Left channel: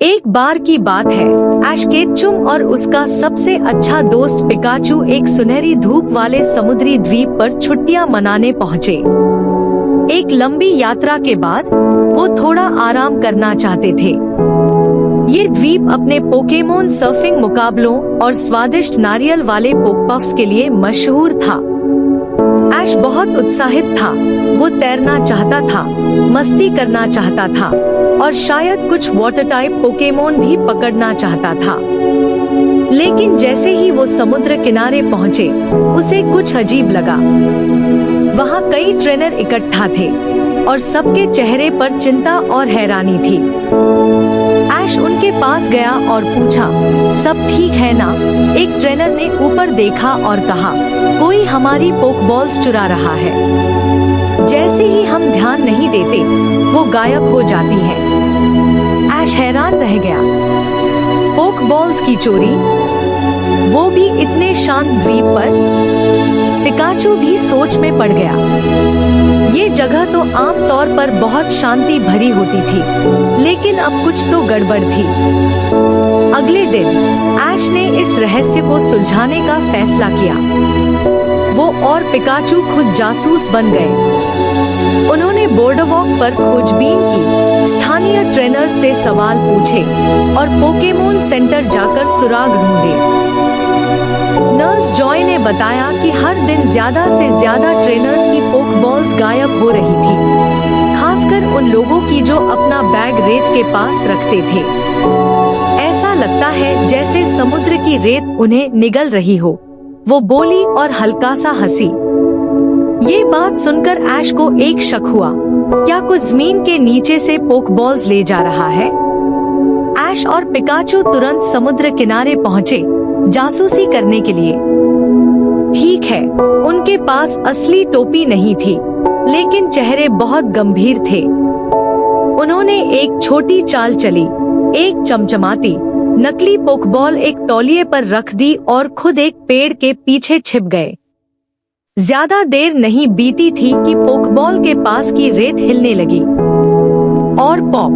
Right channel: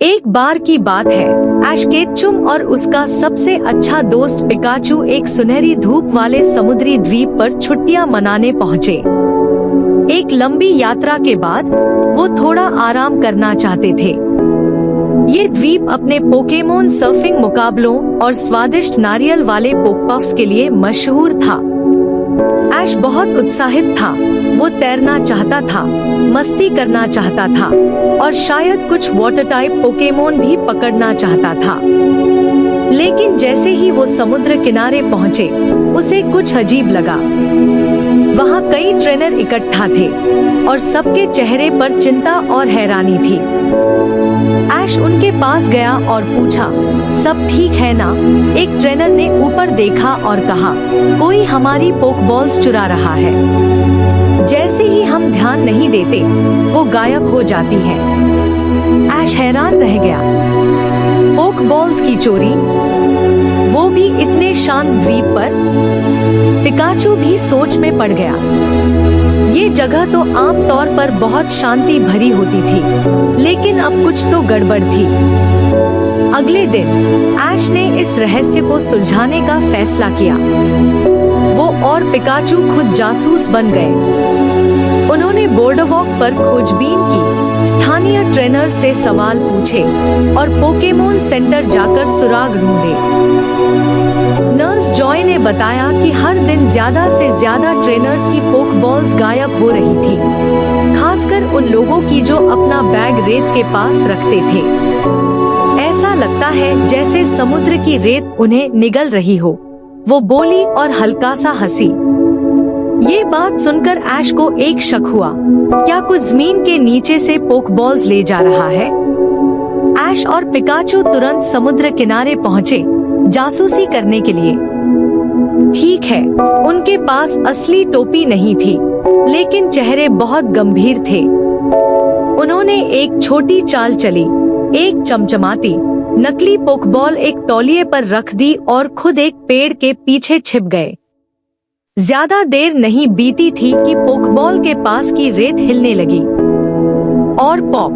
एक बार की बात है, ऐश केटचुम और उसका सबसे अच्छा दोस्त पिकाचू एक सुनहरी धूप वाले समुद्री द्वीप पर छुट्टियां मनाने पहुँचे। एक लंबी यात्रा के बाद वो थोड़ा आराम करना चाहते थे। ये द्वीप अपने पोकेमोन सर्फिंग मुकाबलों और स्वादिष्ट नारियल वाले पोकपफ्स के लिए मशहूर था। ऐश बहुत उत्साहित था। वो तैरना चाहता था, मस्ती करना चाहता था और शायद कुछ वाटर टाइप पोकेमोन भी पकड़ना चाहता था। लेकिन जैसे ही वो समुद्र किनारे पहुँचे, उसे कुछ अजीब लगा। वहाँ कई ट्रेनर इकट्ठा थे और सबके चेहरे पर चिंता और हैरानी थी। ऐश उनके पास गया और पूछा, सब ठीक है ना? एक ट्रेनर ने ऊपर देखा और कहा, कोई हमारी पोकबॉल्स चुरा रहा है। जैसे ही हम ध्यान नहीं देते, वो गायब हो जाती है। ऐश हैरान रह गया। पोकबॉल्स की चोरी, वो भी इतने शांत द्वीप पर। पिकाचू भी सोच में पड़ गया। ये जगह तो आम तौर पर बहुत शांति भरी होती थी, लेकिन अब कुछ तो गड़बड़ थी। अगले दिन ऐश ने इस रहस्य को सुलझाने का फैसला किया। वो और पिकाचू खुद जासूस बन गए। उन्होंने बोर्डवॉक पर खोजबीन की, स्थानीय ट्रेनर से सवाल पूछे और पोकेमोन सेंटर जाकर सुराग ढूंढे। नर्स जॉय ने बताया कि हर दिन ज्यादा से ज्यादा ट्रेनर्स की पोकबॉल्स गायब हो रही थी, खासकर उन लोगों की जो अपना बैग रेत के पास रखते थे। ऐसा लगता है जैसे समुद्र की रेत उन्हें निगल रही हो, वो बोली और हल्का सा हंसी। ये बात सुनकर ऐश को एक शक हुआ, क्या कुछ जमीन के नीचे से पोकबॉल्स ले जा रहा है? ऐश और पिकाचू तुरंत समुद्र किनारे पहुँचे, जासूसी करने के लिए। ठीक है, उनके पास असली टोपी नहीं थी, लेकिन चेहरे बहुत गंभीर थे। उन्होंने एक छोटी चाल चली, एक चमचमाती नकली पोकबॉल एक तौलिए पर रख दी और खुद एक पेड़ के पीछे छिप गए। ज्यादा देर नहीं बीती थी कि पोकबॉल के पास की रेत हिलने लगी और पॉप,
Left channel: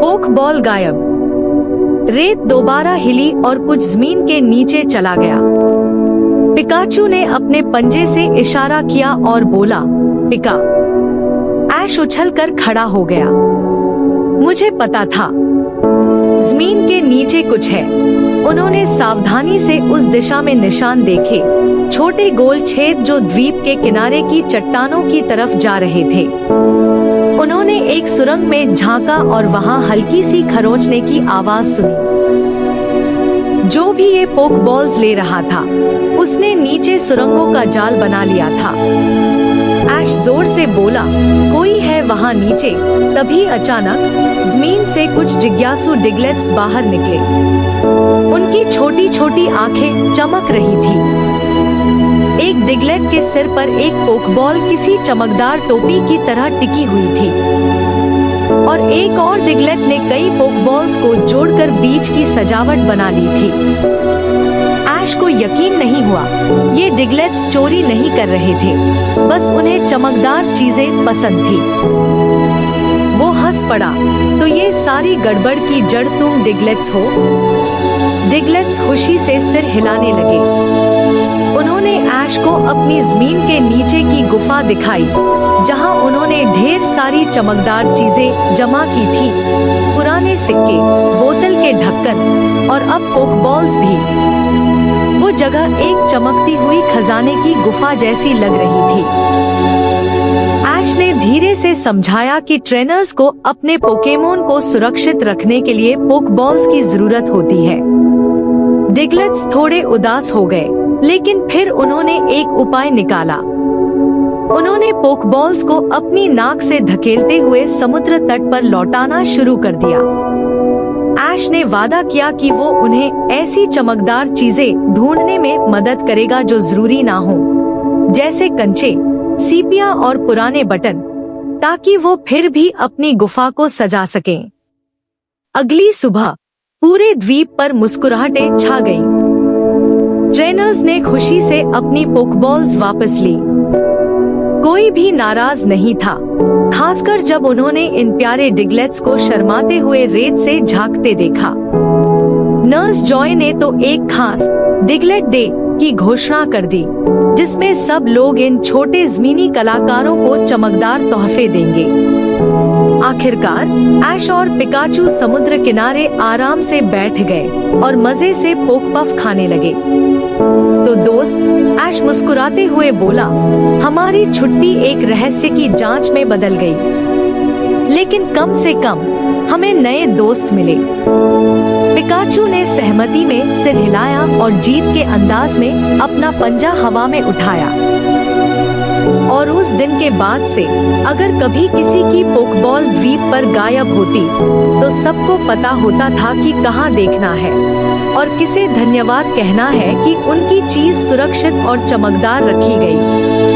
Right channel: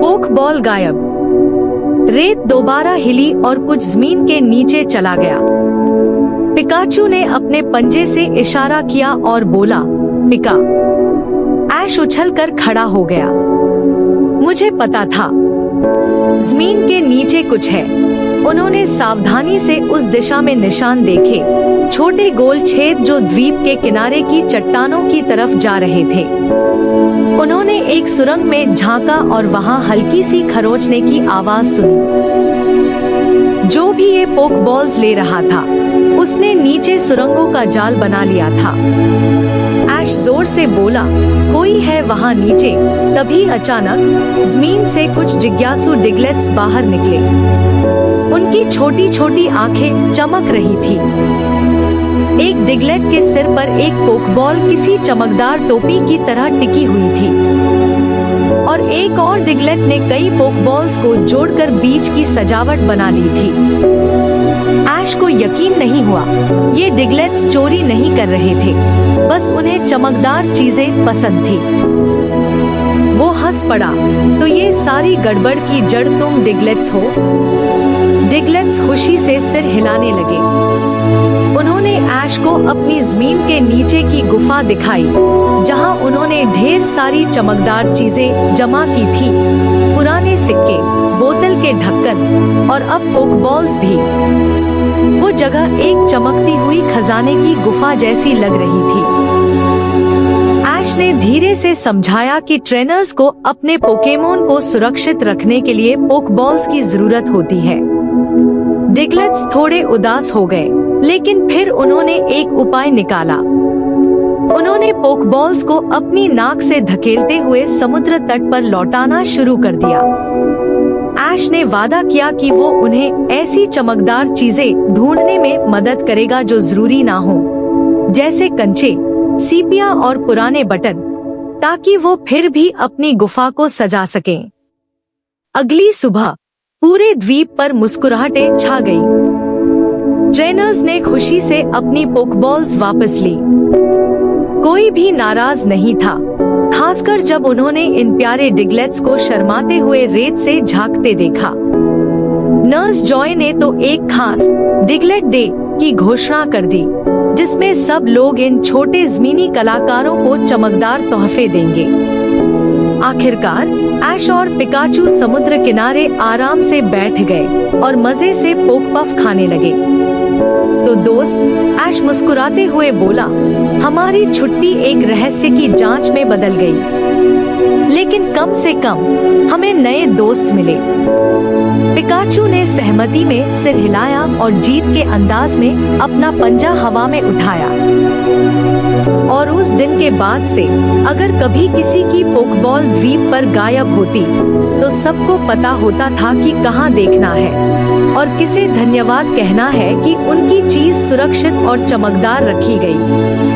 पोकबॉल गायब। रेत दोबारा हिली और कुछ जमीन के नीचे चला गया। पिकाचू ने अपने पंजे से इशारा किया और बोला, पिका। ऐश उछलकर खड़ा हो गया। मुझे पता था, जमीन के नीचे कुछ है। उन्होंने सावधानी से उस दिशा में निशान देखे, छोटे गोल छेद जो द्वीप के किनारे की चट्टानों की तरफ जा रहे थे। उन्होंने एक सुरंग में झांका और वहां हल्की सी खरोंचने की आवाज सुनी। जो भी ये पोकबॉल्स ले रहा था, उसने नीचे सुरंगों का जाल बना लिया था। ऐश जोर से बोला, कोई है वहां नीचे। तभी अचानक जमीन से कुछ जिज्ञासु डिग्लेट्स बाहर निकले। उनकी छोटी छोटी आंखें चमक रही थी। एक डिग्लेट के सिर पर एक पोकबॉल किसी चमकदार टोपी की तरह टिकी हुई थी और एक और डिग्लेट ने कई पोकबॉल्स को जोड़कर बीच की सजावट बना ली थी। ऐश को यकीन नहीं हुआ, ये डिग्लेट्स चोरी नहीं कर रहे थे, बस उन्हें चमकदार चीजें पसंद थी। वो हंस पड़ा, तो ये सारी गड़बड़ की जड़ तुम डिग्लेट्स हो? डिग्लेट्स खुशी से सिर हिलाने लगे। उन्होंने ऐश को अपनी जमीन के नीचे की गुफा दिखाई, जहां उन्होंने ढेर सारी चमकदार चीजें जमा की थी, पुराने सिक्के, बोतल के ढक्कन और अब पोकबॉल्स भी। वो जगह एक चमकती हुई खजाने की गुफा जैसी लग रही थी। ऐश ने धीरे से समझाया कि ट्रेनर्स को अपने पोकेमोन को सुरक्षित रखने के लिए पोकबॉल्स की जरूरत होती है। डिग्लेट्स थोड़े उदास हो गए, लेकिन फिर उन्होंने एक उपाय निकाला। उन्होंने पोकबॉल्स को अपनी नाक से धकेलते हुए समुद्र तट पर लौटाना शुरू कर दिया। ऐश ने वादा किया कि वो उन्हें ऐसी चमकदार चीजें ढूंढने में मदद करेगा जो जरूरी ना हो, जैसे कंचे, सीपियां और पुराने बटन, ताकि वो फिर भी अपनी गुफा को सजा सकें। अगली सुबह पूरे द्वीप पर मुस्कुराहटें छा गई। ट्रेनर्स ने खुशी से अपनी पोकबॉल्स वापस ली। कोई भी नाराज नहीं था। खासकर जब उन्होंने इन प्यारे डिगलेट्स को शर्माते हुए रेत से झांकते देखा। नर्स जॉय ने तो एक खास डिगलेट डे की घोषणा कर दी, जिसमें सब लोग इन छोटे ज़मीनी कलाकारों को चमकदार तोहफे देंगे। आखिरकार ऐश और पिकाचू समुद्र किनारे आराम से बैठ गए और मजे से पोक पफ खाने लगे। तो दोस्त, ऐश मुस्कुराते हुए बोला, हमारी छुट्टी एक रहस्य की जांच में बदल गई, लेकिन कम से कम हमें नए दोस्त मिले। पिकाचू ने सहमति में सिर हिलाया और जीत के अंदाज में अपना पंजा हवा में उठाया। और उस दिन के बाद से अगर कभी किसी की पोकबॉल द्वीप पर गायब होती, तो सबको पता होता था कि कहाँ देखना है और किसे धन्यवाद कहना है कि उनकी चीज सुरक्षित और चमकदार रखी गई।